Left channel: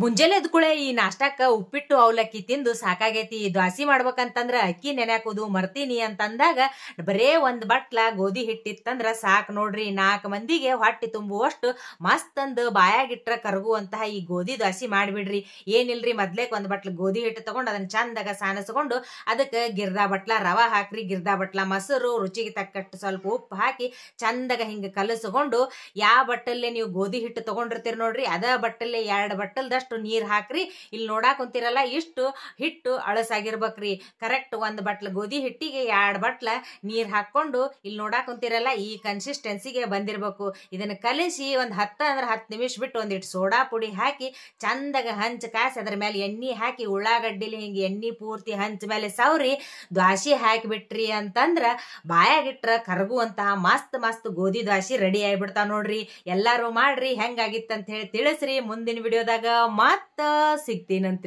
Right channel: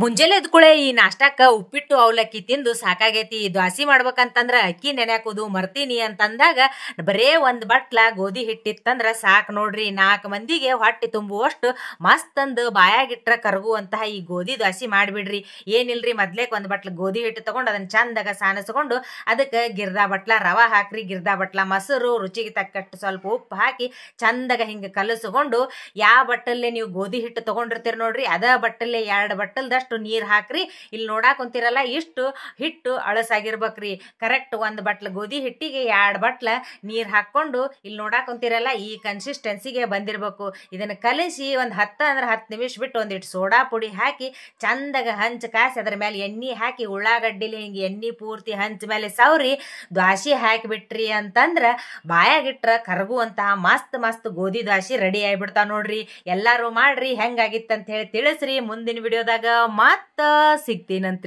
ಮುಂಜಾನೆ ಎದ್ಕುಳೆ ಈ ನಾಷ್ಟಾಕ ಉಪ್ಪಿಟ್ಟು ಅವಲಕ್ಕಿ ತಿಂದು ಸಾಕಾಗೈತಿ. ದ್ವಾಸಿ ಮಾಡ್ಬೇಕಂತಂದ್ರ ಅಕ್ಕಿ ನೆನ್ಯಾಕೋದು ಮರ್ತೀನಿ ಅಂತಂದಾಗ ಬರೇ ಒಂದ್ ಬಟ್ಲ ಗೋಧಿ ಹಿಟ್ಟಿತ್ತಂದ್ರ ಸಾಕ್ ನೋಡ್ರಿ. 4 ಮಂದಿಗೆ ಹೊಟ್ಟಿ ತುಂಬುವಷ್ಟು ಮಸ್ತ್ ಅಂದ್ ಬಾಯಾಗಿಟ್ರ ಕರಗುವಂತಹ ಈ ಗೋಧಿ ದ್ವಾಸಿ ಮಾಡ್ಬಿಡ್ರಿ. ಏನಿಲ್ರಿ, ಮೊದ್ಲೇಕ್ ಒಂದ್ ಬಟ್ಲ ಗೋಧಿ ಹಿಟ್ಟು ತಗೊಂಡು ಅದನ್ನ ಚಂದಾಗ ಸಾನಸ್ಕೊಂಡು ಅದಕ್ಕೆ ಗಿರ್ದಾ ಬಟ್ಲ ರವಾ ಹಾಕ್ರಿ, ಗಿರ್ದಾ ಬಟ್ಲ ಮೊಸರು, ರುಚಿಗೆ ತಕ್ಕಟ್ಟು ಸ್ವಲ್ಪ ಉಪ್ಪು ಹಾಕಿ ಚಂದಾಗ ಹಿಂಗ ಕಲಸ್ಕೊಂಡು ಯಾವ ಬಟ್ಟಲ್ಲೇ ನೀವು ಗೋಧಿ ಹಿಟ್ಟು ತಗೊಂಡಿರ್ತೀರಿ ನೋಡ್ರಿ ಅದ ಬಟ್ಟಲ್ಲೇ 2 ಬಟ್ಟಲ್ದಷ್ಟು ನೀರ್ ಹಾಕ್ರಿ. ಇಲ್ಲಿ ನೋಡಾಕ್ ಕುಂತಿರಲ್ಲ ಇಷ್ಟು ಹಿಟ್ಟು ಅಳಸಾಗಿರ್ಬೇಕ್ರಿ. ಕರೆಕ್ಟ್ 1 ಬಟ್ಲ ಗೋಧಿ ಹಿಟ್ಟಿಗೆ 2 ಬಟ್ಲ ನೀರ್ ಹಾಕೊಂಡು ಇಲ್ಲಿ ನೋಡಾಕ್ ಕುಂತಿರಲ್ಲ ಈ ಕನ್ಸಿಸ್ಟೆನ್ಸಿಗೆ ಬಂದಿರ್ಬೇಕು. ಇದನ್ನ ಕಲಿಸಿ ಒಂದ್ 10 ನಿಮಿಷ ಬಿಟ್ಟು ಒಂದಿಟ್ಟು ಸೋಡಾ ಪುಡಿ ಹಾಕಿ ಚಂದಾಗ ಹಂಚ್ ಕಾಸಿ ಅದ್ರ ಮೇಲೆ ಎಣ್ಣಿ ಹಾಕಿ ಉಳ್ಳಾಗಡ್ಡಿಲಿ ಹಿಂಗ ಎಣ್ಣಿ ಪೂರ್ತಿ ಹಂಚ ಮೇಲೆ ಸೌರಿ ದ್ವಾಸಿ ಹಾಕಿಬಿಟ್ರಿ ಅಂತಂದ್ರ ಬಾಯಾಗಿಟ್ರ ಕರಗುವಂತಹ ಮಸ್ತ್ ಮಸ್ತ್ ಗೋಧಿ ದ್ವಾಸಿ ರೆಡಿ ಆಗಿಬಿಡ್ತಾವ ನೋಡ್ರಿ. ಎಲ್ಲಾರು ಮಾಡ್ರಿ, ಹೆಂಗಾಗಿತ್ತಂತ ಹೇಳಿ ತಿಳಿಸ್ರಿ. ಮುಂದಿನ ವಿಡಿಯೋದಾಗ ಮತ್ತ ಸಿಗ್ತೀನಂತ್ರಿ.